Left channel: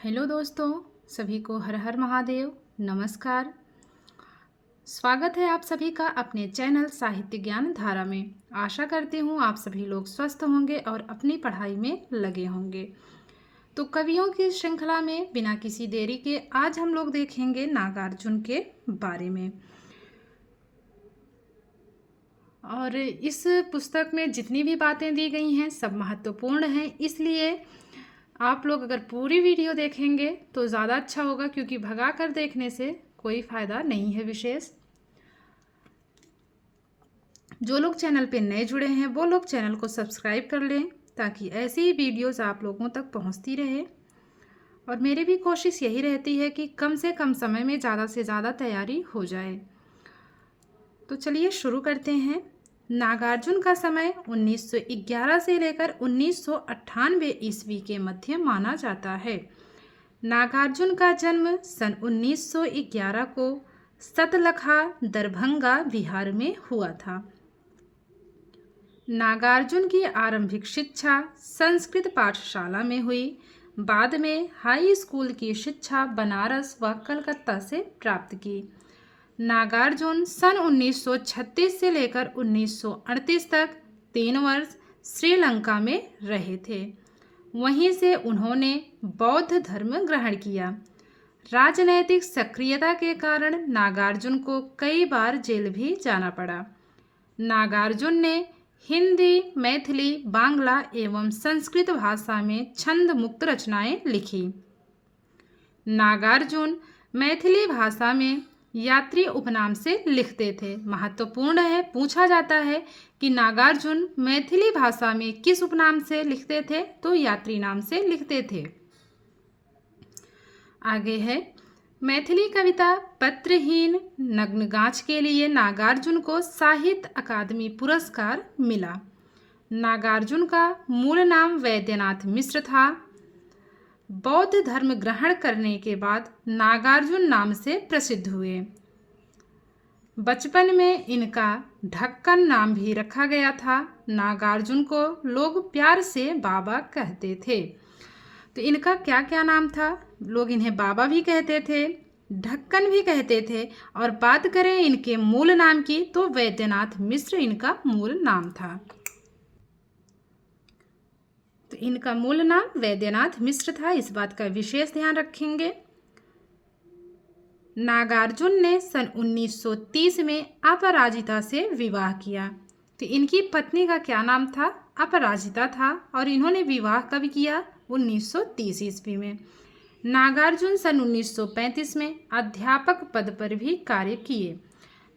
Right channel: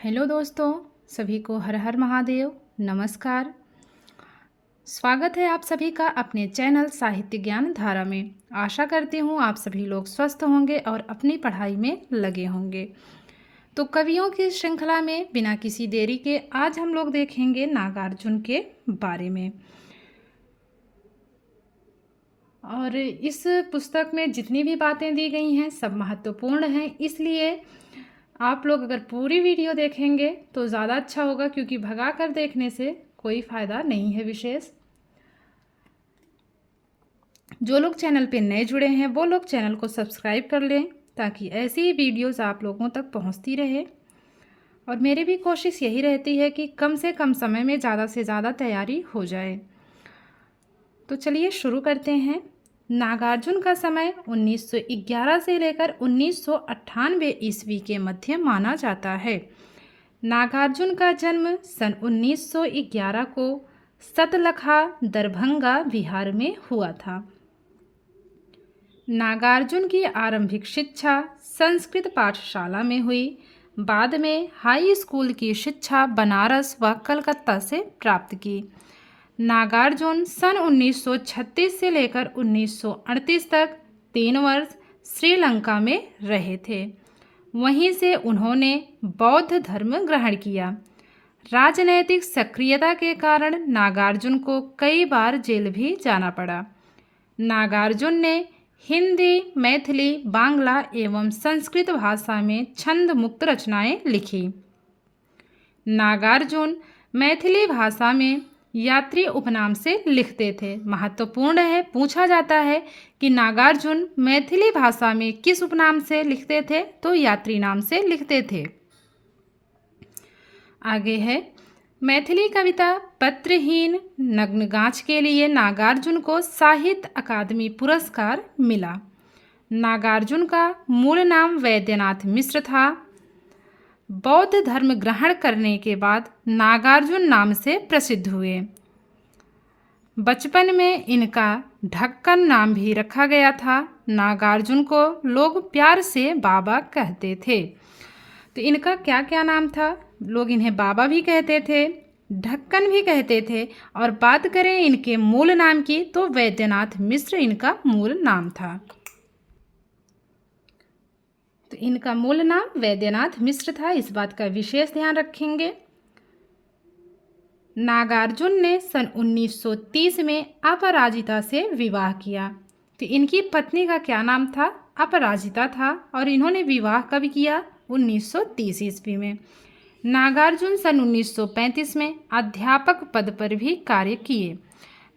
Hello दोस्तों, सभी को हर हर महादेव। नमस्कार। स्वागत है आप सभी का अपने चैनल साहित्य ज्ञान धारा में। आशा करती हूँ आप सभी लोग स्वस्थ होंगे और अपनी पढ़ाई में लगे होंगे। तो कवियों की श्रृंखला में बिना किसी देरी के आज हम लोग देखेंगे नागार्जुन के बारे में। और इस पुस्तक में जितनी भी बातें दी गई हैं सब महत्वपूर्ण हैं, इसलिए आप लोग अगर पूरी वीडियो देखेंगे तो ज़्यादा अच्छा होगा, क्योंकि भगा कर देखने से कोई फ़ायदा नहीं है विशेष। जो लोग चैनल पे नए जुड़े हैं वो लोग चैनल को सब्सक्राइब कर लें ताकि ऐसी ही वीडियोस आप लोगों तक पहुंचती रहे। और मेरी भी कोशिश यही रहती है कि कम से कम समय में ज़्यादा से ज़्यादा तैयारी हो जाए। तो चलिए शुरू करते हैं। नागार्जुन का समय 1911 से लेकर 1998 ईस्वी के मध्य माना जाता है। नागार्जुन का जन्म सन 1911 को सतलखा दरभंगा बिहार में हुआ था। नागार्जुन की आरंभिक शिक्षा संस्कृत पाठशाला में हुई। बाद में हाई स्कूल की शिक्षा बनारस व कलकत्ता से प्राप्त की। नागार्जुन सन 1936 से लेकर 1938 तक 3 वर्ष श्रीलंका में रहे थे। वहीं से उन्होंने बौद्ध धर्म ग्रहण किया। राजनैतिक सक्रियता के कारण नागार्जुन को कई बार जेल भी जाना पड़ा। नागार्जुन ने हिंदी, मैथिली, बांग्ला एवं संस्कृत भाषा में छंद मुक्त रचनाएं लिखी। नागार्जुन मैथिली भाषा में यात्री उपनाम से लिखते थे। महत्वपूर्ण है, पूछा जाता है कि नागार्जुन मैथिली भाषा में किस उपनाम से लिखते थे, तो यात्री नाम से लिखते थे। आगे है, मैथिली कविता पत्रहीन नग्नगाछ के लिए नागार्जुन को साहित्य अकादमी पुरस्कार मिला। नागार्जुन का मूल नाम वैद्यनाथ मिश्र था। बौद्ध धर्म ग्रहण करने के बाद नागार्जुन नाम से प्रसिद्ध हुए। बचपन में इनका ढक्कन नाम भी रखा गया था। नागार्जुन को लोग प्यार से बाबा कहते थे। तो इनका क्या क्या नाम था? लोग इन्हें बाबा भी कहते थे, ढक्कन भी कहते थे, और बात करें इनके मूल नाम की तो वैद्यनाथ मिश्र इनका मूल नाम था। तो इनका मूल नाम वैद्यनाथ मिश्र था, इस बात का विशेष ध्यान रखेंगे। नागार्जुन ने सन 1930 में अपराजिता से विवाह किया। तो इनकी पत्नी का क्या नाम था? अपराजिता था। और इन्होंने विवाह कब किया? 1930 ईस्वी में। नागार्जुन सन 1935 में अध्यापक पद पर भी कार्य किए।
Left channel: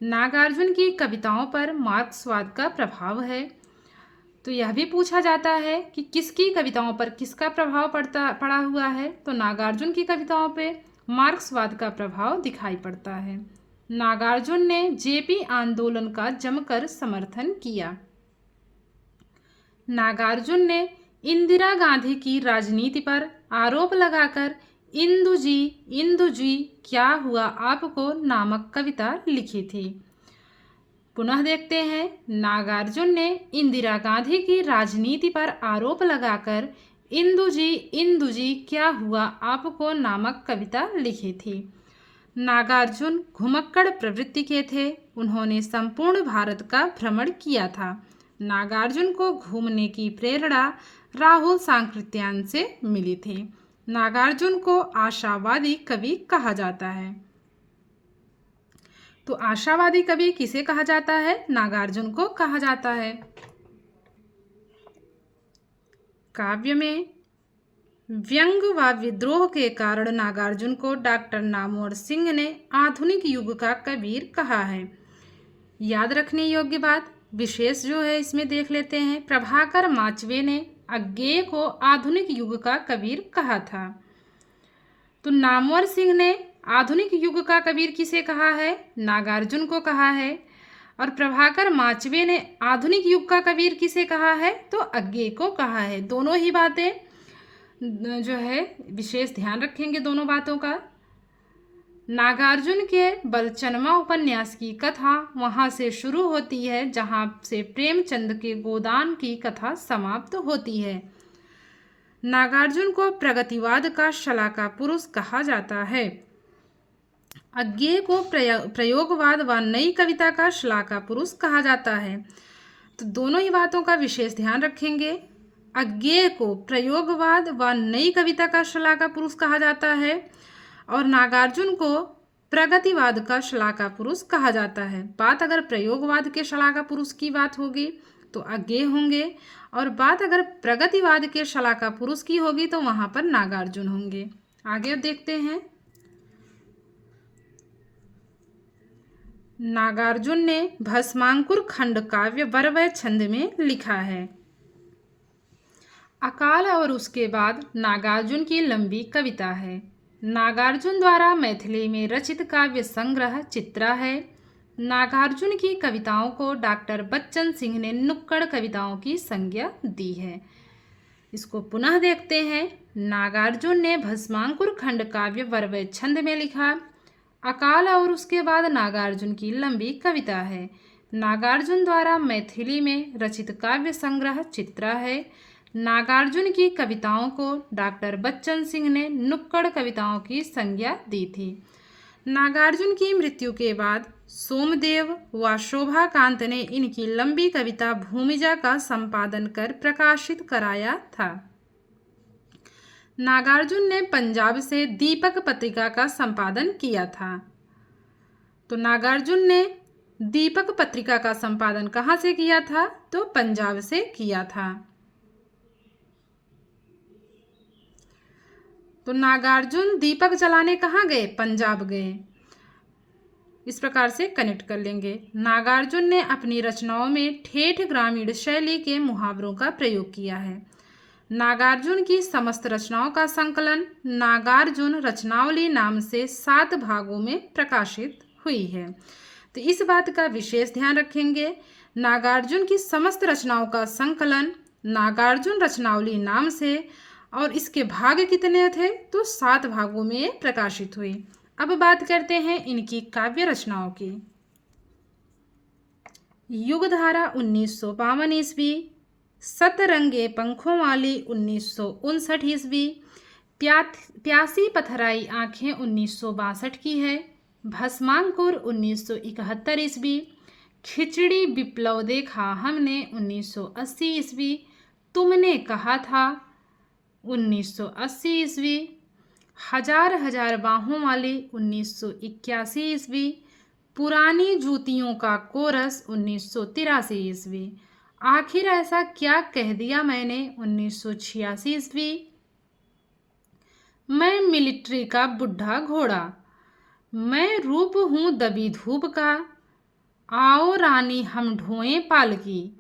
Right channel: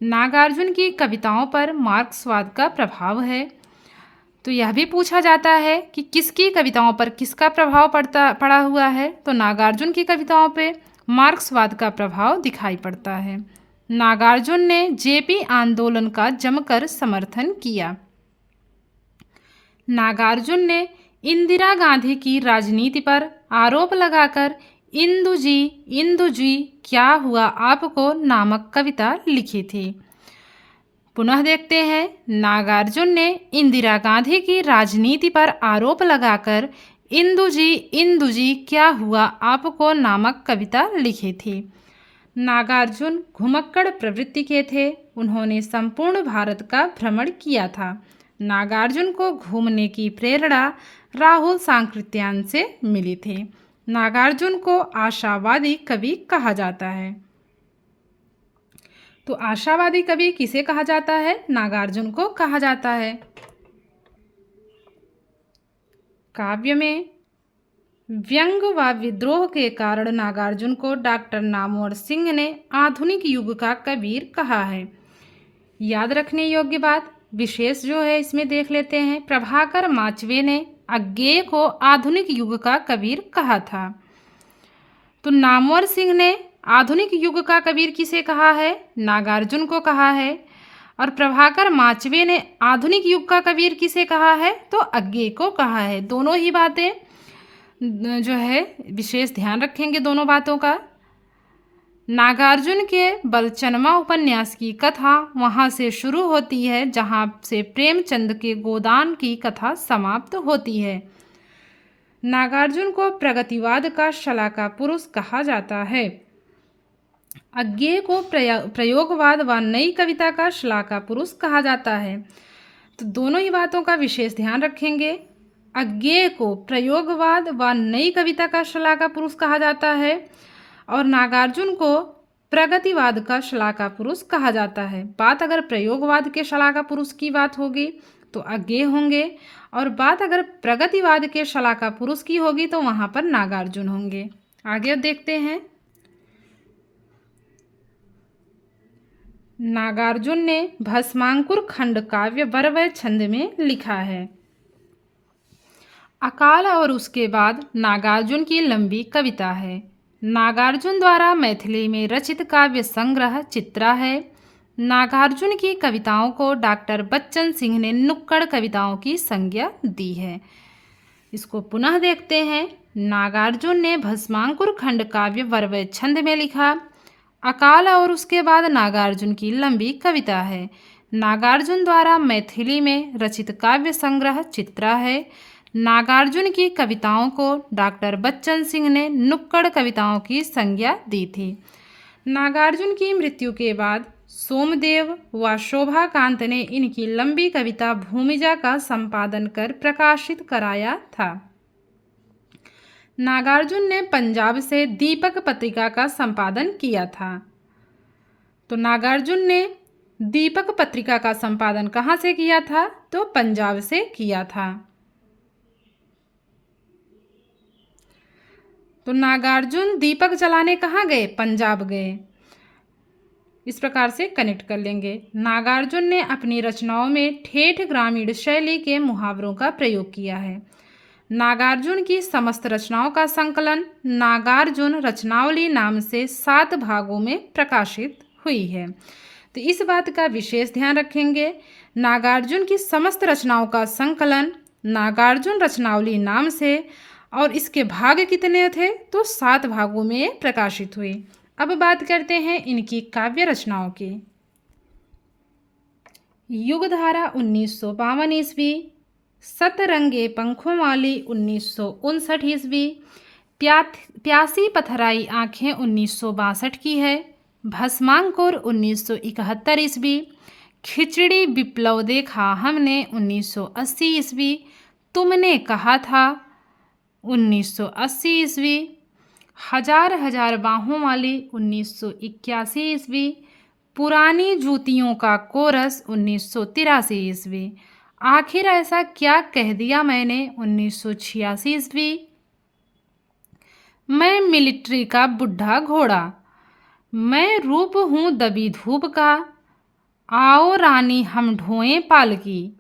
नागार्जुन की कविताओं पर मार्क्सवाद का प्रभाव है। तो यह भी पूछा जाता है कि किसकी कविताओं पर किसका प्रभाव पड़ा हुआ है, तो नागार्जुन की कविताओं पे मार्क्सवाद का प्रभाव दिखाई पड़ता है। नागार्जुन ने जेपी आंदोलन का जमकर समर्थन किया। नागार्जुन ने इंदिरा गांधी की राजनीति पर आरोप लगाकर इंदु जी क्या हुआ आपको नामक कविता लिखी थी। पुनः देखते हैं, नागार्जुन ने इंदिरा गांधी की राजनीति पर आरोप लगाकर इंदु जी क्या हुआ आपको नामक कविता लिखी थी। नागार्जुन घुमक्कड़ प्रवृत्ति के थे। उन्होंने संपूर्ण भारत का भ्रमण किया था। नागार्जुन को घूमने की प्रेरणा राहुल सांकृत्यायन से मिली थी। नागार्जुन को आशावादी कवि कहा जाता है। तो आशावादी कवि किसे कहा जाता है? नागार्जुन को कहा जाता है। काव्य में व्यंग व विद्रोह के कारण नागार्जुन को डॉक्टर नामवर सिंह ने आधुनिक युग का कबीर कहा है। याद रखने योग्य बात विशेष जो है इसमें देख लेते हैं। प्रभाकर माचवे ने अज्ञेय को आधुनिक युग का कबीर कहा था। तो नामवर सिंह ने आधुनिक युग का कबीर किसे कहा है? नागार्जुन को कहा है। और प्रभाकर माचवे ने आधुनिक युग का कबीर किसे कहा है? तो अज्ञेय को कहा है। दोनों ही बातें जो है विशेष ध्यान रखेंगे दोनों बातों का। नागार्जुन के बलचनमा उपन्यास की कथा वहाँ से शुरू होती है जहाँ से प्रेमचंद के गोदान की कथा समाप्त होती है। नागार्जुन को प्रगतिवाद का शलाका पुरुष कहा जाता है। अज्ञेय को प्रयोगवाद व नई कविता का शलाका पुरुष कहा जाता है। तो दोनों ही बातों का विशेष ध्यान रखेंगे। अज्ञेय को प्रयोगवाद व नई कविता का शलाका पुरुष कहा जाता है और नागार्जुन को प्रगतिवाद का शलाका पुरुष कहा जाता है। बात अगर प्रयोगवाद के शलाका पुरुष की बात होगी तो अज्ञेय होंगे, और बात अगर प्रगतिवाद के शलाका पुरुष की होगी तो वहाँ पर नागार्जुन होंगे। आगे देखते हैं। नागार्जुन ने भस्मांकुर खंड काव्य वरवय छंद में लिखा है। अकाल और उसके बाद नागार्जुन की लंबी कविता है। नागार्जुन द्वारा मैथिली में रचित काव्य संग्रह चित्रा है। नागार्जुन की कविताओं को डॉक्टर बच्चन सिंह ने नुक्कड़ कविताओं की संज्ञा दी है। इसको पुनः देखते हैं। नागार्जुन ने भस्मांकुर खंड काव्य वरवय छंद में लिखा। अकाल और उसके बाद नागार्जुन की लंबी कविता है। नागार्जुन द्वारा मैथिली में रचित काव्य संग्रह चित्रा है। नागार्जुन की कविताओं को डॉक्टर बच्चन सिंह ने नुक्कड़ कविताओं की संज्ञा दी थी। नागार्जुन की मृत्यु के बाद सोमदेव व शोभाकांत ने इनकी लंबी कविता भूमिजा का संपादन कर प्रकाशित कराया था। नागार्जुन ने पंजाब से दीपक पत्रिका का संपादन किया था। तो नागार्जुन ने दीपक पत्रिका का संपादन कहाँ से किया था? तो पंजाब से किया था। तो नागार्जुन दीपक जलाने कहाँ गए? पंजाब गए। इस प्रकार से कनेक्ट कर लेंगे। नागार्जुन ने अपनी रचनाओं में ठेठ ग्रामीण शैली के मुहावरों का प्रयोग किया है। नागार्जुन की समस्त रचनाओं का संकलन नागार्जुन रचनावली नाम से 7 भागों में प्रकाशित हुई है। तो इस बात का विशेष ध्यान रखेंगे। नागार्जुन की समस्त रचनाओं का संकलन नागार्जुन रचनावली नाम से, और इसके भाग कितने थे? तो 7 भागों में प्रकाशित हुई। अब बात करते हैं इनकी काव्य रचनाओं की। युगधारा 1952 ईस्वी, सतरंगे पंखों वाली 1959 ईस्वी, प्यासी पथराई आँखें 1962 की है, भस्मांकुर 1971 ईस्वी, खिचड़ी विप्लव देखा हमने 1980 ईस्वी, तुमने कहा था 1980 ईस्वी, हजार हजार बाहों वाली 1981 ईस्वी, पुरानी जूतियों का कोरस 1983 ईस्वी, आखिर ऐसा क्या कह दिया मैंने 1986 ईस्वी, मैं मिलिट्री का बुढ़ा घोड़ा, मैं रूप हूँ दबी धूप का, आओ रानी हम ढोएं पालकी,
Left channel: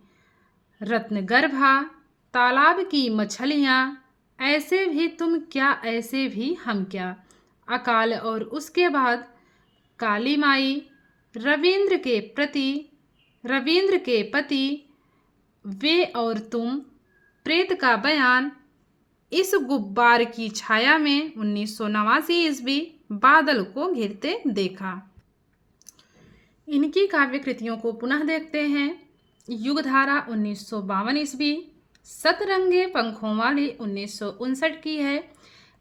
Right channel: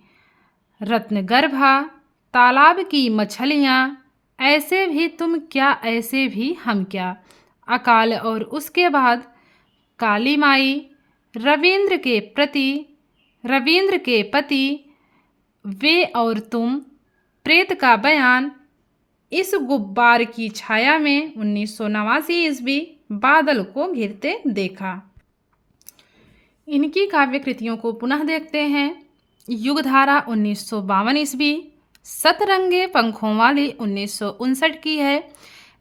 रत्नगर्भा तालाब की मछलियाँ, ऐसे भी तुम क्या ऐसे भी हम क्या, अकाल और उसके बाद काली माई, रविंद्र के पति, वे और तुम, प्रेत का बयान, इस गुब्बार की छाया में 1989 ईस्वी, बादल को घिरते देखा। इनकी काव्य कृतियों को पुनः देखते हैं। युगधारा 1952 ईस्वी, सतरंगे पंखों वाली 1959 की है,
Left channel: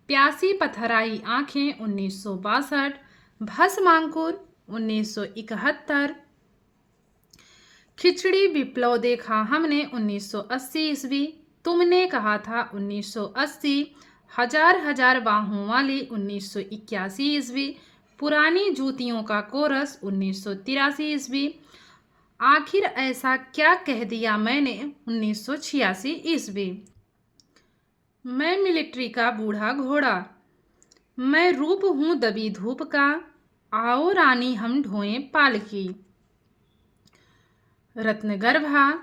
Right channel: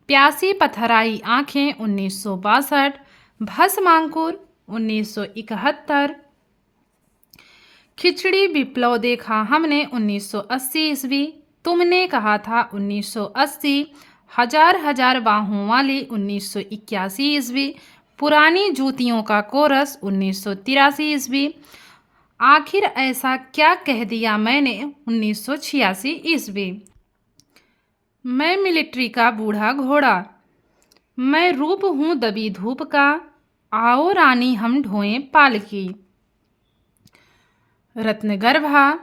प्यासी पथराई आँखें 1962, भस्मांकुर 1971, खिचड़ी विप्लव देखा हमने 1980 ईस्वी, तुमने कहा था 1980, हजार हजार बाहों वाली 1981 ईस्वी, पुरानी जूतियों का कोरस 1983 ईस्वी, आखिर ऐसा क्या कह दिया मैंने 1986 ईस्वी, मैं मिलिट्री का बूढ़ा घोड़ा, मैं रूप हूँ दबी धूप का, आओ रानी हम ढोएं पालकी, रत्नगर्भा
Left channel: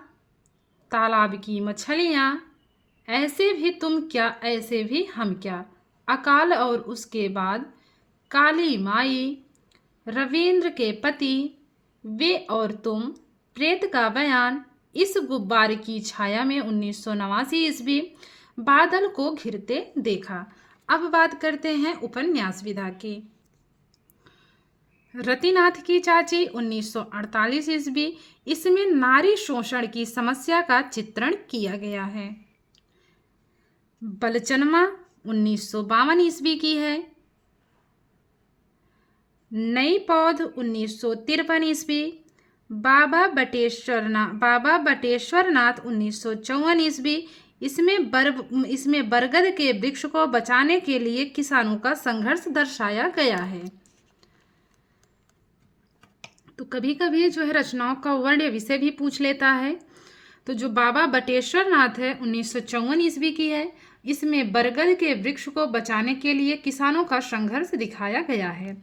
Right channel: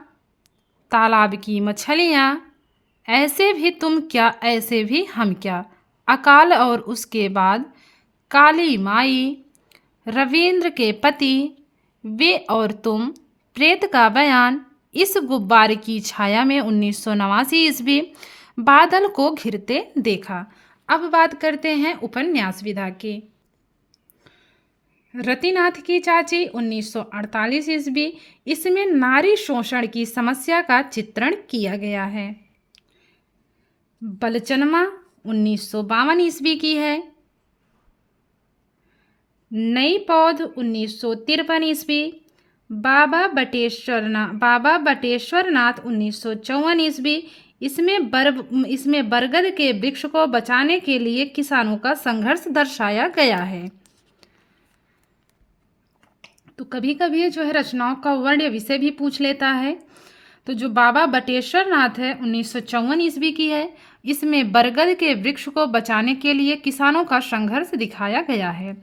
तालाब की मछलियाँ, ऐसे भी तुम क्या ऐसे भी हम क्या, अकाल और उसके बाद काली माई, रविंद्र के पति, वे और तुम, प्रेत का बयान, इस गुब्बारे की छाया में 1989 ईस्वी, बादल को घिरते देखा। अब बात करते हैं उपन्यास विधा की। रतिनाथ की चाची 1948 ईस्वी, इसमें नारी शोषण की समस्या का चित्रण किया गया है। बलचनमा 1952 ईस्वी की है। नई पौध 1953 ईस्वी। बाबा बटेश्वरनाथ 1954 ईस्वी। इसमें बरगद के वृक्ष को बचाने के लिए किसानों का संघर्ष दर्शाया गया है। तो कभी कभी जो है रचनाओं का वर्ण या विषय भी पूछ लेता है। तो जो बाबा बटेश्वरनाथ है 1954 ईस्वी की है। इसमें बरगद के वृक्ष को बचाने के लिए किसानों का संघर्ष दिखाया गया है।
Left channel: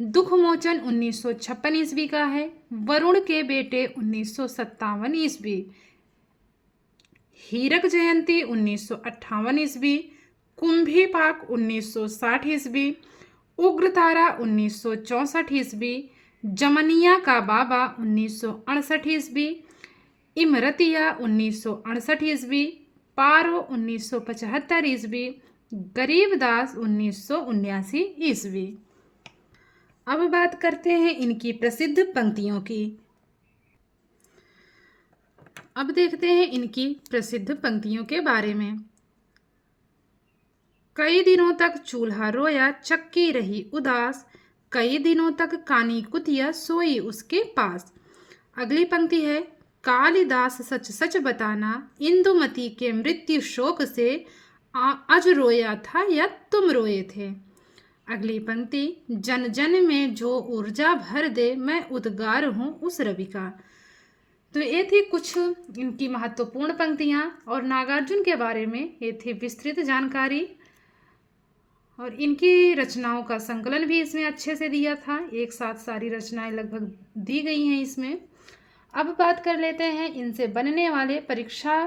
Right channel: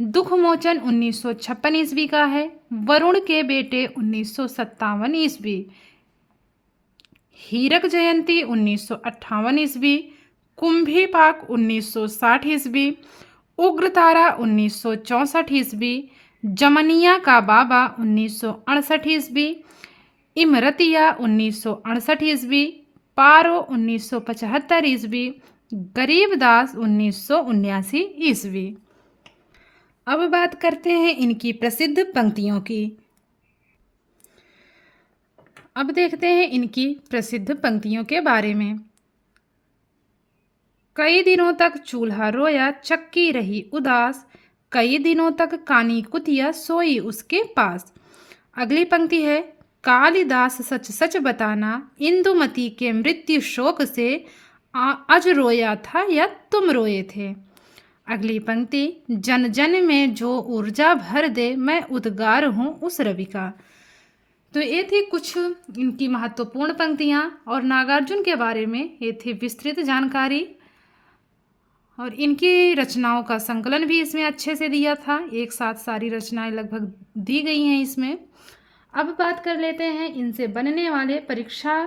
दुख मोचन 1956 ईस्वी का है। वरुण के बेटे 1957 ईस्वी। हीरक जयंती 1958 ईस्वी। कुंभी पाक 1960 ईस्वी। उग्रतारा 1964 ईस्वी। जमनिया का बाबा 1968 ईस्वी। इमरतिया 1968 ईस्वी। पारो 1975 ईस्वी। गरीबदास 1979 ईस्वी। अब बात करते हैं इनकी प्रसिद्ध पंक्तियों की। अब देखते हैं इनकी प्रसिद्ध पंक्तियों के बारे में। कई दिनों तक चूल्हा रोया, चक्की रही उदास, कई दिनों तक कानी कुतिया सोई उसके पास। अगली पंक्ति है, कालिदास सच सच बताना, इंदुमती के मृत्यु शोक से अज रोया था या तुम रोए थे। अगली पंक्ति, जन जन में जो ऊर्जा भर दे, मैं उद्गार हूँ उस रवि का। तो ये थी कुछ इनकी महत्वपूर्ण पंक्तियाँ और नागार्जुन के बारे में ये थी विस्तृत जानकारी। और इनकी रचनाओं का संकलन भी इसमें अच्छे से दिया था। एक साथ सारी रचनाएं लगभग दी गई हैं इसमें। अब बात कर लेते हैं इनसे बनने वाले परीक्षा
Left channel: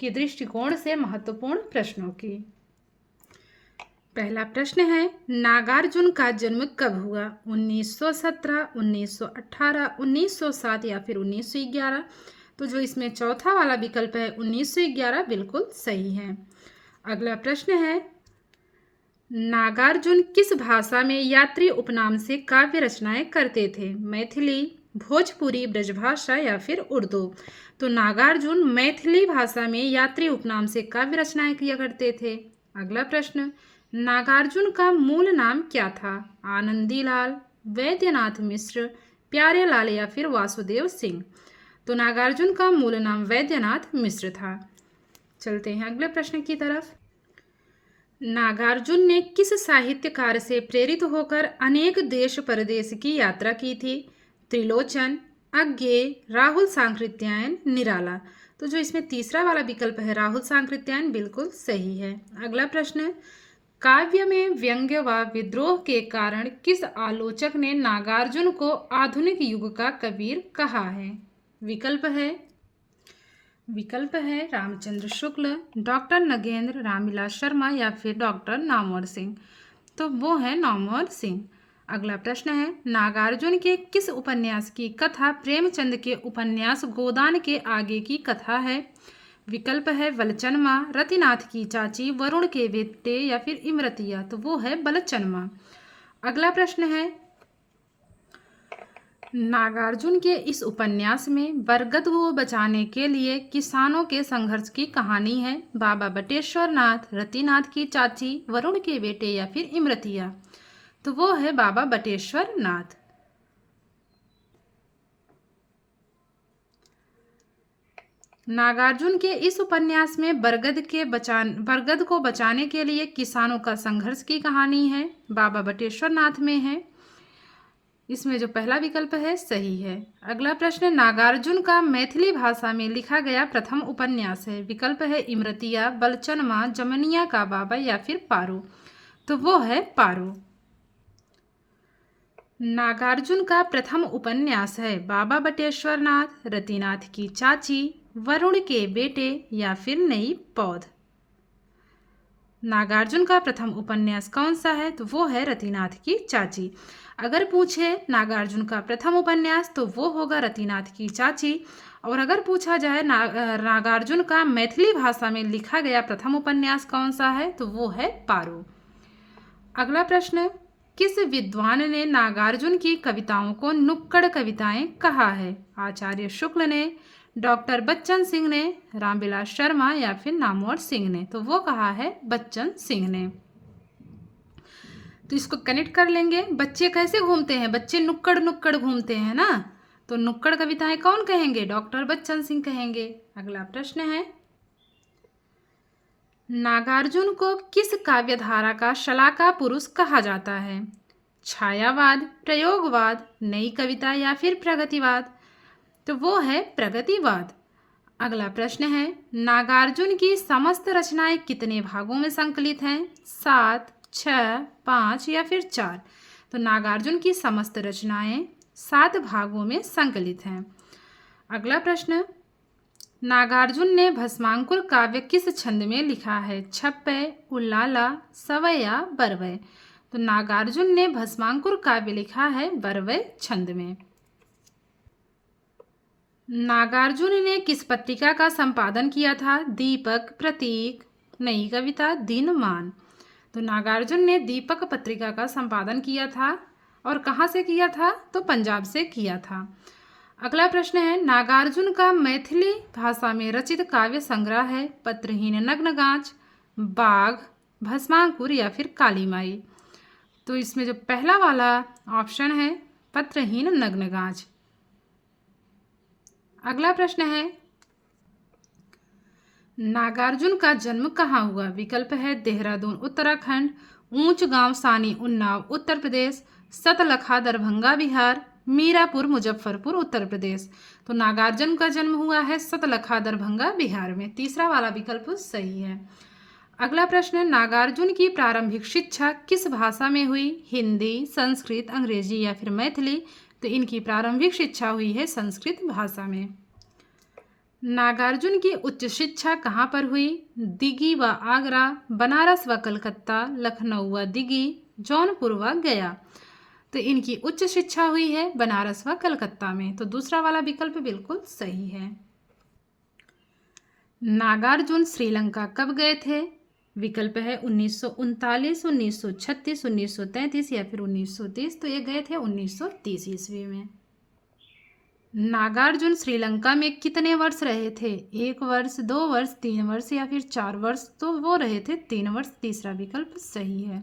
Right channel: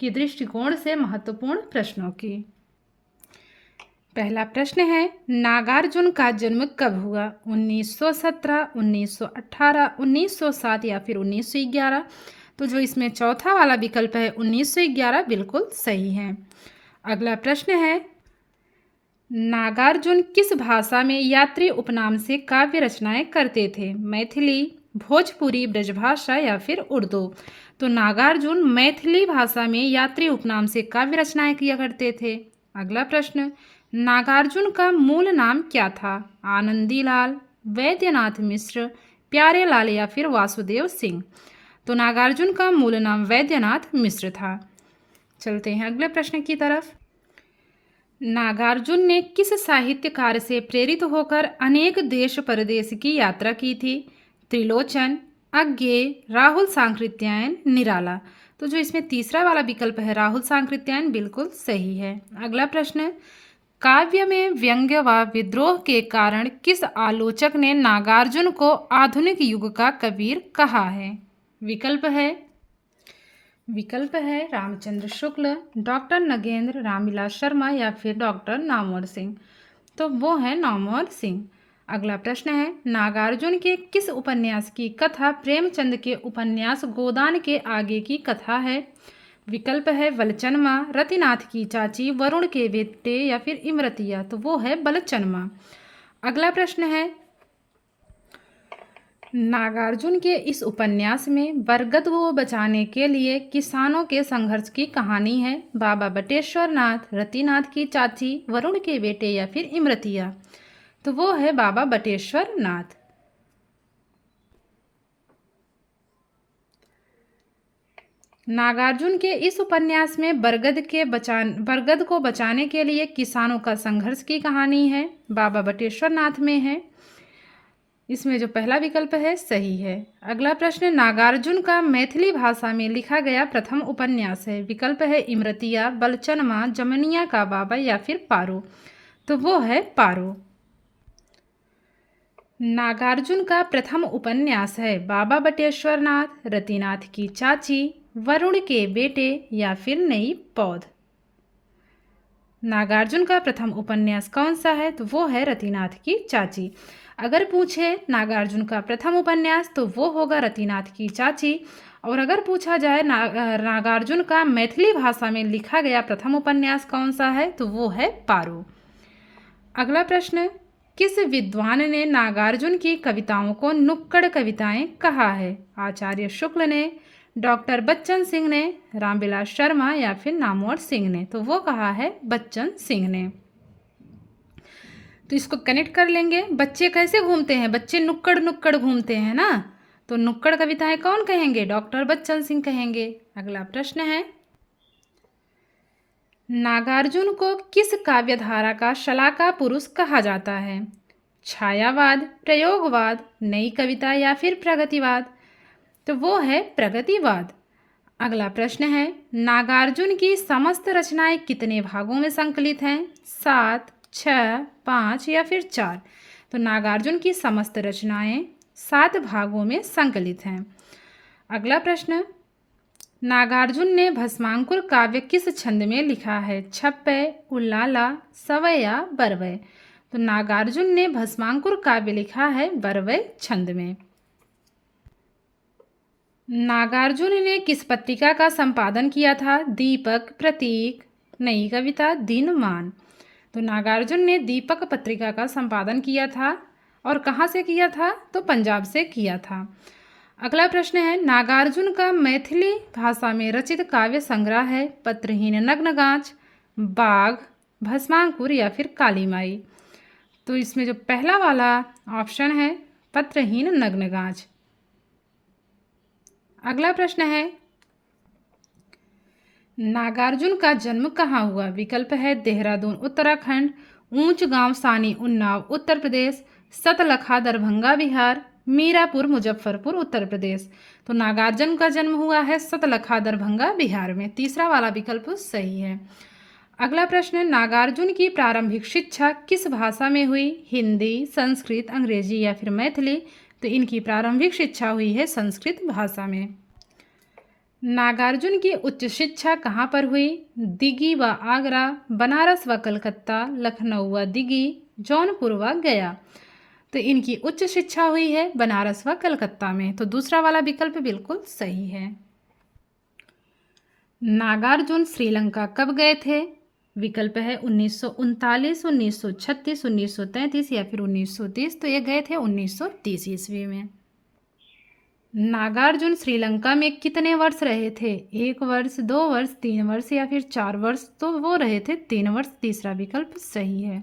के दृष्टिकोण से महत्वपूर्ण प्रश्नों की। पहला प्रश्न है, नागार्जुन का जन्म कब हुआ? 1917, 1918, 1907 या फिर 1911। तो जो इसमें चौथा वाला विकल्प है 1911 बिल्कुल सही है। अगला प्रश्न है, नागार्जुन किस भाषा में यात्री उपनाम से काव्य रचनाएं करते थे? मैथिली, भोजपुरी, ब्रजभाषा या फिर उर्दू। तो नागार्जुन मैथिली भाषा में यात्री उपनाम से काव्य रचनाएं किया करते थे। अगला प्रश्न, नागार्जुन का मूल नाम क्या था? आनंदीलाल, वैद्यनाथ मिश्र, प्यारेलाल या फिर वासुदेव सिंह। तो नागार्जुन का मूल नाम वैद्यनाथ मिश्र था। चलते हैं अगले प्रश्न की तरफ। नागार्जुन ने किस साहित्यकार से प्रेरित होकर अनेक देश परदेश की यात्रा की थी? त्रिलोचन, अज्ञेय, राहुल सांकृत्यायन, निराला। तो जो इसमें तीसरा वाला विकल्प है राहुल सांकृत्यायन बिल्कुल सही है। अगला प्रश्न, काव्य में व्यंग्य व विद्रोह के कारण किस आलोचक ने नागार्जुन को आधुनिक युग का कबीर कहा है? विकल्प है रामचंद्र शुक्ल, डॉक्टर नगेंद्र, रामविलास शर्मा या फिर डॉक्टर नामवर सिंह। तो वो है नामवर सिंह। अगला प्रश्न है, नागार्जुन के किस उपन्यास की कथा प्रेमचंद के उपन्यास गोदान के आगे की कथा है? विकल्प है बलचनमा, रतिनाथ की चाची, वरुण के बेटे या फिर इमरतिया। तो वो है बलचनमा। अगला प्रश्न है, नागार्जुन के इस उपन्यास में बरगद को बचाने के लिए किसानों के संघर्ष की कहानी है? बाबा बटेश्वरनाथ, रतिनाथ की चाची, वरुण के बेटे या फिर इमरतिया। तो वो है बाबा बटेश्वरनाथ। नागार्जुन के इस उपन्यास में बरगद को बचाने के लिए किसानों का संघर्ष की कहानी है। बाबा बटेश्वरनाथ में है। इसमें जो पहला विकल्प है सही है। अगला प्रश्न, नागार्जुन का मैथिली भाषा में लिखा गया प्रथम उपन्यास है? विकल्प है इमरतिया, बलचनमा, जमनिया का बाबा या फिर पारो। तो वो है पारो। नागार्जुन का प्रथम उपन्यास है बाबा बटेश्वरनाथ, रतिनाथ की चाची, वरुण के बेटे या फिर नई पौध। नागार्जुन का प्रथम उपन्यास कौन सा है? तो वो है रतिनाथ की चाची। अगर पूछे नागार्जुन का प्रथम उपन्यास तो वो होगा रतिनाथ की चाची। और अगर पूछा जाए नागार्जुन का मैथिली भाषा में लिखा गया प्रथम उपन्यास कौन सा है? तो वो है पारो। अगला प्रश्न, किस विद्वान ने नागार्जुन की कविताओं को नुक्कड़ कविताएं कहा है? आचार्य शुक्ल ने, डॉक्टर बच्चन सिंह ने, रामविलास शर्मा या फिर नामवर सिंह ने? तो वो कहा है बच्चन सिंह ने। तो इसको कनेक्ट कर लेंगे। बच्चे कैसे घूमते हैं? बच्चे नुक्कड़ नुक्कड़ घूमते हैं ना, तो नुक्कड़ कविताएं कौन कहेंगे? डॉक्टर बच्चन सिंह कहेंगे। अगला प्रश्न है, नागार्जुन को किस काव्यधारा का शलाका पुरुष कहा जाता है? छायावाद, प्रयोगवाद, नई कविता या फिर प्रगतिवाद? तो वो है प्रगतिवाद। अगला प्रश्न है, नागार्जुन की समस्त रचनाएं कितने भागों में संकलित हैं? 7, 6, 5 या फिर 4? तो नागार्जुन की समस्त रचनाएं 7 भागों में संकलित हैं। अगला प्रश्न, नागार्जुन ने भस्मांकुर काव्य किस छंद में लिखा है? छप्पय, उल्लाला, सवय या बरवय? तो नागार्जुन ने भस्मांकुर काव्य लिखा है बरवय छंद में। नागार्जुन ने किस पत्रिका का संपादन किया था? दीपक, प्रतीक, नई कविता, दिनमान? तो नागार्जुन ने दीपक पत्रिका का संपादन किया था। और कहाँ से किया था? तो पंजाब से किया था। अगला प्रश्न है, नागार्जुन का मैथिली भाषा में रचित काव्य संग्रह है पत्रहीन नग्नगांच, बाघ, भस्मांकुर या फिर काली माई? तो इसमें जो पहला वाला ऑप्शन है पत्रहीन नग्नगांच। अगला प्रश्न है, नागार्जुन का जन्म कहाँ हुआ? विकल्प है देहरादून उत्तराखंड, ऊंच गांव सानी उन्नाव उत्तर प्रदेश, सतलखा दरभंगा बिहार, मीरापुर मुजफ्फरपुर उत्तर प्रदेश? तो नागार्जुन का जन्म हुआ है सतलखा दरभंगा बिहार में। तीसरा वाला विकल्प सही है। अगला प्रश्न, नागार्जुन की प्रारंभिक शिक्षा किस भाषा में हुई? हिंदी, संस्कृत, अंग्रेजी या फिर मैथिली? तो इनकी प्रारंभिक शिक्षा हुई है संस्कृत भाषा में। नागार्जुन की उच्च शिक्षा कहाँ पर हुई? दिल्ली व आगरा, बनारस व कलकत्ता, लखनऊ व दिल्ली, जौनपुर व गया? तो इनकी उच्च शिक्षा हुई है बनारस व कलकत्ता में। तो दूसरा वाला विकल्प बिल्कुल सही है। नागार्जुन श्रीलंका कब गए थे? विकल्प है 1939, 1936, 1933 या फिर 1930? तो ये गए थे 1930 ईस्वी में। नागार्जुन श्रीलंका में कितने वर्ष रहे थे? 1 वर्ष, 2 वर्ष, 3 वर्ष या फिर 4 वर्ष? तो वो रहे थे 3 वर्ष। तीसरा विकल्प सही है।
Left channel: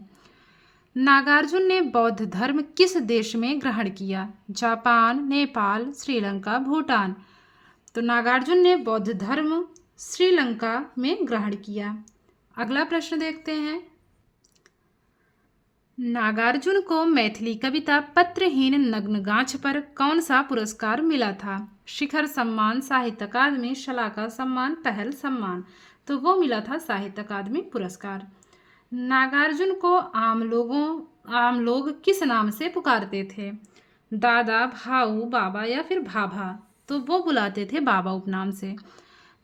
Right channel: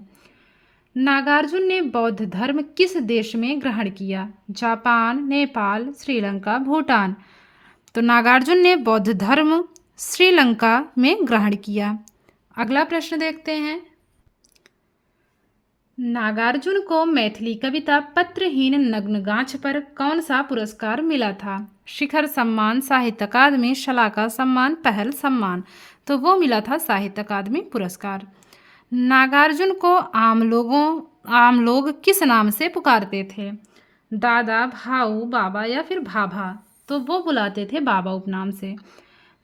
नागार्जुन ने बौद्ध धर्म किस देश में ग्रहण किया? जापान, नेपाल, श्रीलंका, भूटान? तो नागार्जुन ने बौद्ध धर्म श्रीलंका में ग्रहण किया। अगला प्रश्न देखते हैं, नागार्जुन को मैथिली कविता पत्रहीन नग्नगांच पर कौन सा पुरस्कार मिला था? शिखर सम्मान, साहित्य अकादमी, शलाका सम्मान, पहल सम्मान? तो वो मिला था साहित्य अकादमी पुरस्कार। नागार्जुन को आम लोग किस नाम से पुकारते थे? दादा, भाऊ, बाबा या फिर भाभा? तो वो बुलाते थे बाबा उपनाम से।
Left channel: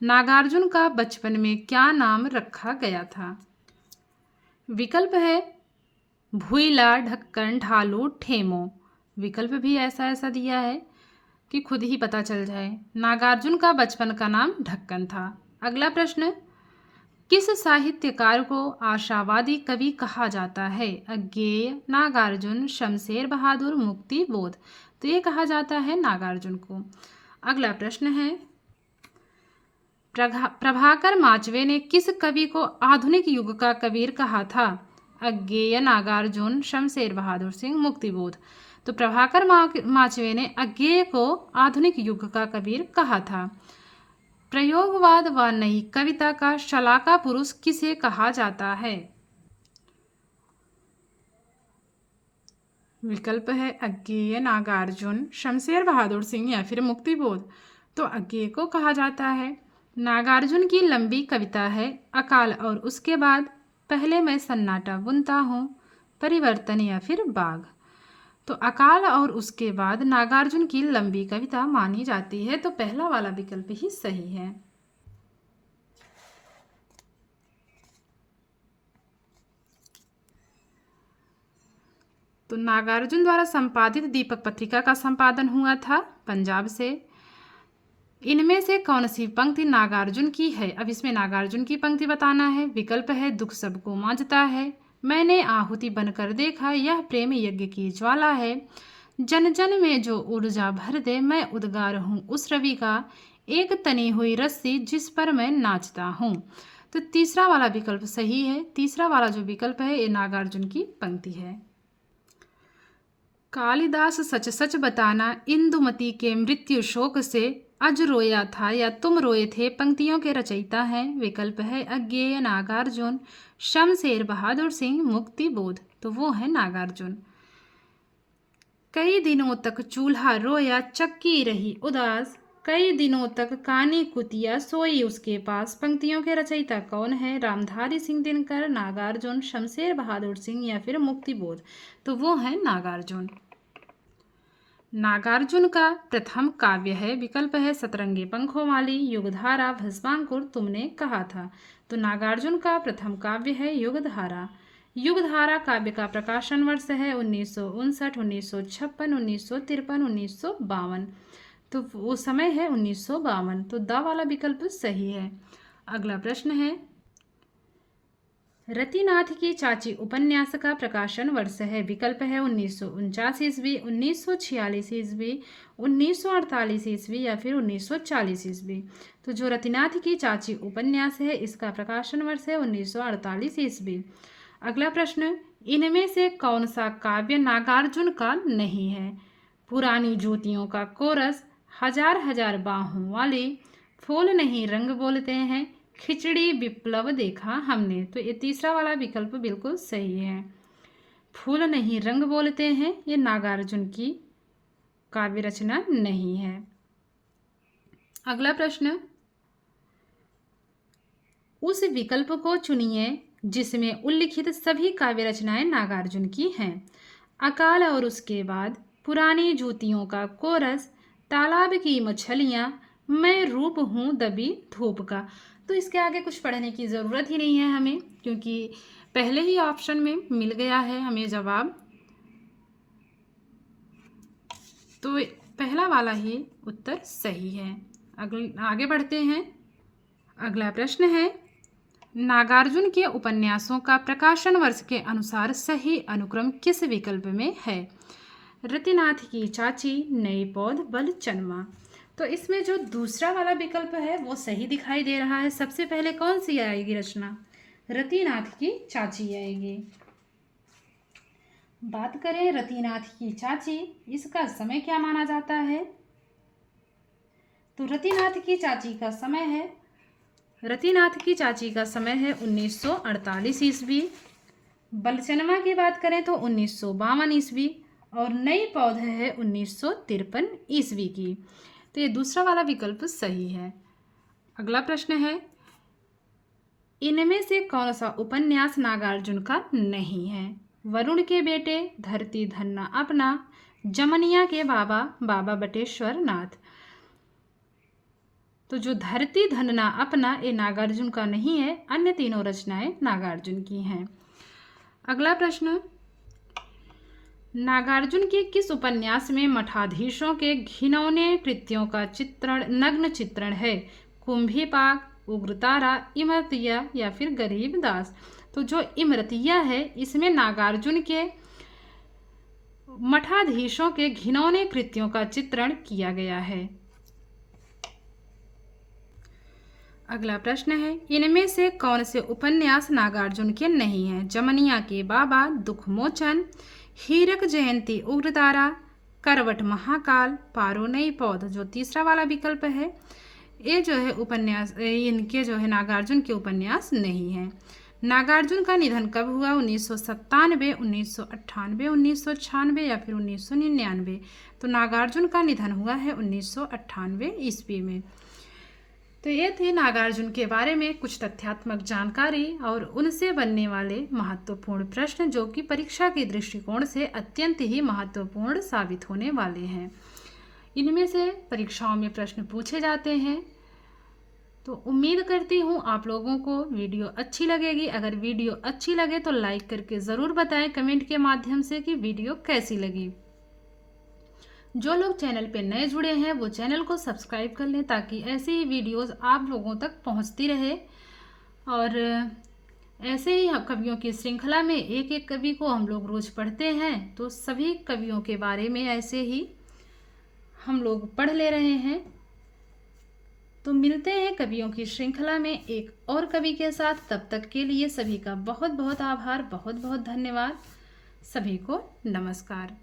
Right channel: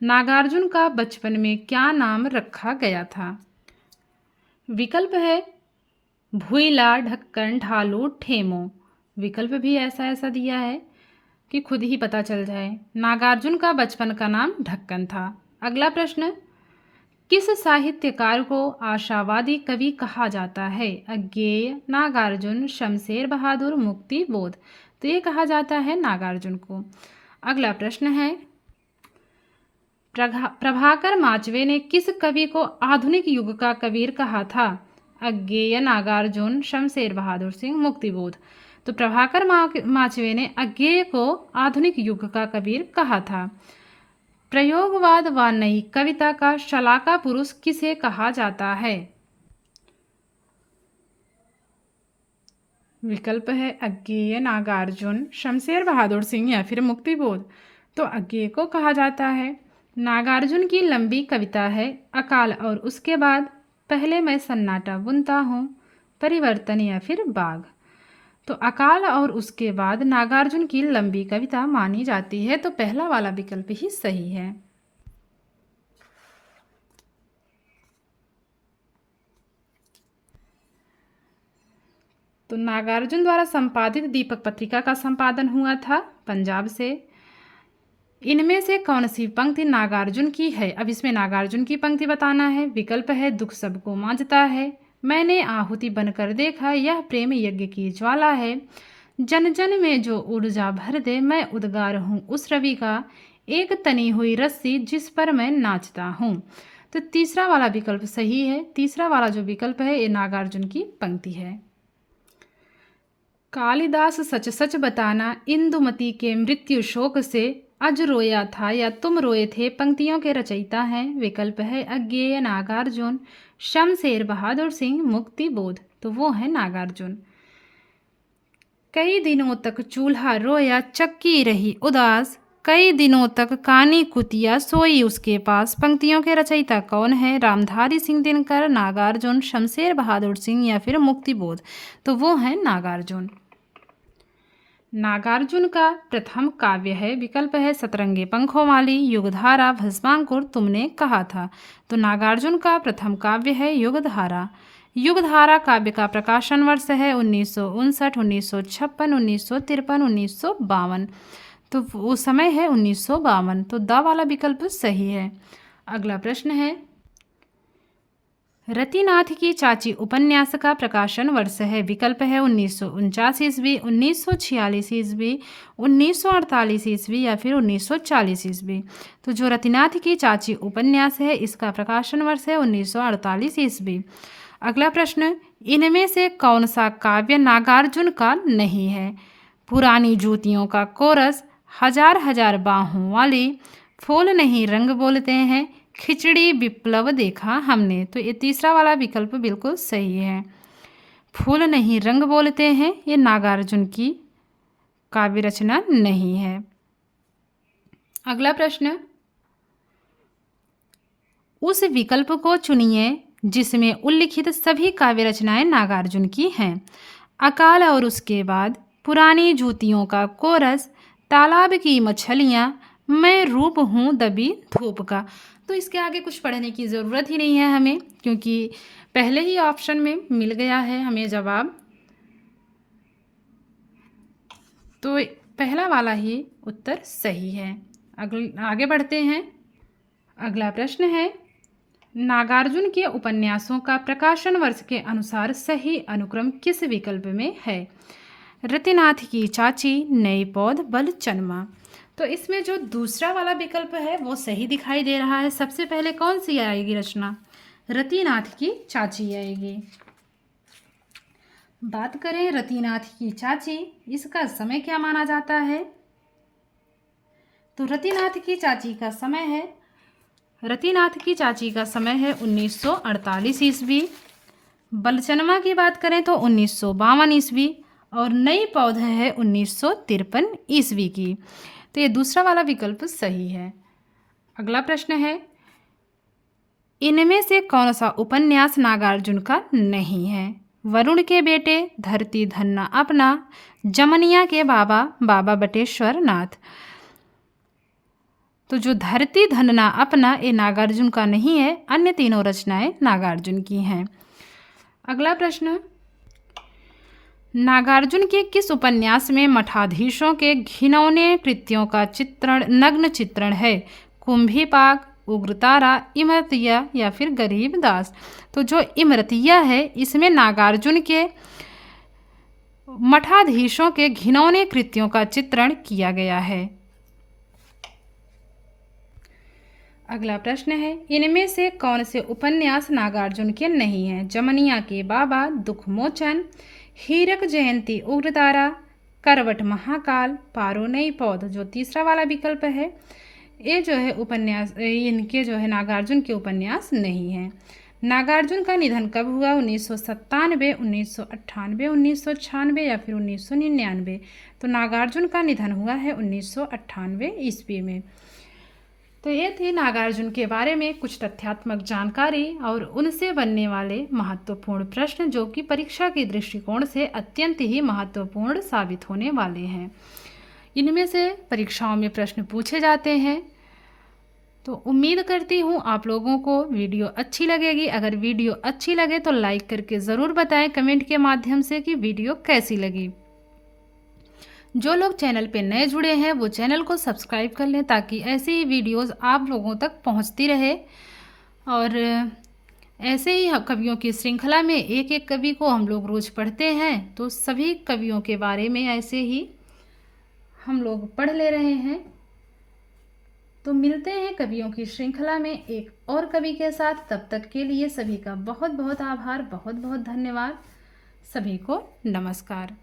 नागार्जुन का बचपन में क्या नाम रखा गया था? विकल्प है भुइला, ढक्कन, ढालू, ठेमो? विकल्प भी ऐसा दिया है कि खुद ही पता चल जाए। नागार्जुन का बचपन का नाम ढक्कन था। अगला प्रश्न, किस साहित्यकार को आशावादी कवि कहा जाता है? अज्ञेय, नागार्जुन, शमशेर बहादुर, मुक्ति बोध? तो ये कहा जाता है नागार्जुन को। अगला प्रश्न है, प्रभाकर माचवे ने किस कवि को आधुनिक युग का कबीर कहा था? अज्ञेय, नागार्जुन, शमशेर बहादुर सिंह, मुक्तिबोध? तो प्रभाकर माचवे ने अज्ञेय को आधुनिक युग का कबीर कहा था। प्रयोगवाद व नई कविता का शलाका पुरुष किसे कहा जाता है? विकल्प है अज्ञेय, नागार्जुन, शमशेर बहादुर सिंह या फिर मुक्तिबोध? तो अज्ञेय को कहा जाता है। नागार्जुन की लंबी कविता है अकाल और उसके बाद, पहले मैं सन्नाटा बुनता हूँ, परिवर्तन या फिर बाघ? तो अकाल और उसके बाद नागार्जुन की लंबी कविता मानी जाती है। तो पहला वाला विकल्प ही सही है। तो नागार्जुन द्वारा संपादित दीपक पत्रिका का संपादन हुआ था पंजाब से। इनमें से कौन सी पंक्ति नागार्जुन की है? अब इसमें नागार्जुन की पंक्ति बताना है। विकल्प है दुख सबको मांझता है, मैंने आहुति बनकर देखा, यह प्रेम यज्ञ की ज्वाला है, जन जन में जो ऊर्जा भर दे, मैं उद्गार हूँ उस रवि का, एक तनी हुई रस्सी जिस पर मैं नाचता हूँ। तो तीसरा वाला विकल्प सही है। तीसरा वाला जो विकल्प है ये नागार्जुन की पंक्ति है। कालिदास सच सच बताना, इंदुमती के मृत्यु शोक से अज रोया था या तुम रोए थे पंक्तियों के रचयिता हैं। विकल्प है अज्ञेय नागार्जुन, शमशेर बहादुर सिंह, मुक्ति बोध। तो वो है नागार्जुन। कई दिनों तक चूल्हा रोया, चक्की रही उदास, कई दिनों तक कानी कुतिया सोई उसके पास। पंक्तियों के रचयिता कौन है? रामधारी सिंह दिनकर, नागार्जुन, शमशेर बहादुर सिंह या फिर मुक्तिबोध। तो वो है नागार्जुन। नागार्जुन का प्रथम काव्य है। विकल्प है सतरंगी पंखों वाली, युगधारा, भस्मांकुर, तुमने कहा था। तो नागार्जुन का प्रथम काव्य है युगधारा। युगधारा काव्य का प्रकाशन वर्ष है 1959, 1956, 1953, 1952। तो वो समय है 1952। तो द वाला विकल्प सही है। अगला प्रश्न है, रतिनाथ की चाची उपन्यास का प्रकाशन वर्ष है। विकल्प है 1949 ईस्वी, 1946 ईस्वी, 1948 ईस्वी या फिर 1940 ईस्वी। तो जो रतिनाथ की चाची उपन्यास है इसका प्रकाशन वर्ष है 1948 ईस्वी। अगला प्रश्न, इनमें से कौन सा काव्य नागार्जुन का नहीं है? पुरानी जूतियों का कोरस, हजार हजार बाहों वाली, फूल नहीं रंग बोलते हैं, खिचड़ी विप्लव देखा हमने। तो ये तीसरा वाला विकल्प बिल्कुल सही है। फूल नहीं रंग बोलते हैं ये नागार्जुन की काव्य रचना नहीं है। अगला प्रश्न, उस विकल्प को चुनिए जिसमें उल्लिखित सभी काव्य रचनाएं नागार्जुन की हैं। अकाल और उसके बाद, पुरानी जूतियों का कोरस, तालाब की मछलियाँ, मैं रूप हूँ दबी धूप का। तो इसके आगे कुछ पढ़ने की ज़रूरत ही नहीं है हमें, क्योंकि पहले ही ऑप्शन में मिल गया है हमें जवाब। तो पहला वाला ही उत्तर सही है। आगे बढ़ते हैं। अगला प्रश्न है, नागार्जुन के उपन्यासों का प्रकाशन वर्ष के अनुसार सही अनुक्रम किस विकल्प में है? रतिनाथ की चाची, नई पौध, बलचनमा। तो इसमें जो दूसरा वाला विकल्प है वो सही दिखाई दे रहा है। सबसे पहले कौन सी आएगी रचना? रतिनाथ की चाची आएगी। बात करें रतिनाथ की चाची, इसका समय क्या माना जाता है? तो रतिनाथ की चाची का समय है 1948 ईस्वी। बलचनमा की बात करें तो 1952 ईस्वी और नई पौध है 1953 ईस्वी की। तो ये दूसरा वाला विकल्प सही है। अगला प्रश्न है, इनमें से कौन सा उपन्यास नागार्जुन का नहीं है? वरुण के बेटे, धरती धन्ना अपना, जमनिया के बाबा, बाबा बटेश्वर नाथ। तो जो धरती धन्ना अपना ये नागार्जुन का नहीं है, अन्य तीनों रचनाएं नागार्जुन की हैं। अगला प्रश्न, नागार्जुन के किस उपन्यास में मठाधीशों के घिनौने कृत्यों का चित्रण, नग्न चित्रण है? कुंभीपाक, उग्रतारा, इमरतिया या फिर गरीबदास। तो जो इमरतिया है इसमें नागार्जुन के मठाधीशों के घिनौने कृत्यों का चित्रण किया गया है। अगला प्रश्न है, इनमें से कौन से उपन्यास नागार्जुन के नहीं हैं? जमनिया के बाबा, दुखमोचन, हीरक जयंती, उग्रतारा, करवट महाकाल, पारो नई पौध। जो तीसरा वाला विकल्प है ये जो है उपन्यास, इनके जो है नागार्जुन के उपन्यास नहीं हैं। नागार्जुन का निधन कब हुआ? 1997, 1998, 1996 या फिर 1999। तो नागार्जुन का निधन हुआ है 1998 ईस्वी में। तो ये थी नागार्जुन के बारे में कुछ तथ्यात्मक जानकारी और उनसे बनने वाले महत्वपूर्ण प्रश्न, जो कि परीक्षा के दृष्टिकोण से अत्यंत ही महत्वपूर्ण साबित होने वाले हैं। इनमें से परीक्षाओं में प्रश्न पूछे जाते हैं। तो उम्मीद करती हूँ आप लोगों को वीडियो अच्छी लगेगी। अगर वीडियो अच्छी लगे तो लाइक करके ज़रूर बताएं कमेंट के माध्यम से कि वीडियो कैसी लगी। जो लोग चैनल पे नए जुड़े हैं वो चैनल को सब्सक्राइब कर लें ताकि ऐसी ही वीडियोस आप लोगों तक पहुंचती रहे। और ऐसे ही कवियों की श्रृंखला में एक एक कवि को हम लोग रोज़ पढ़ते हैं, तो सभी कवियों के बारे में ऐसे ही हम लोग पढ़ ले रहे हैं। तो मिलते हैं कवियों की श्रृंखला में एक और कवि के साथ। तब तक के लिए सभी का बहुत बहुत आभार, बहुत बहुत धन्यवाद। सभी को नमस्कार।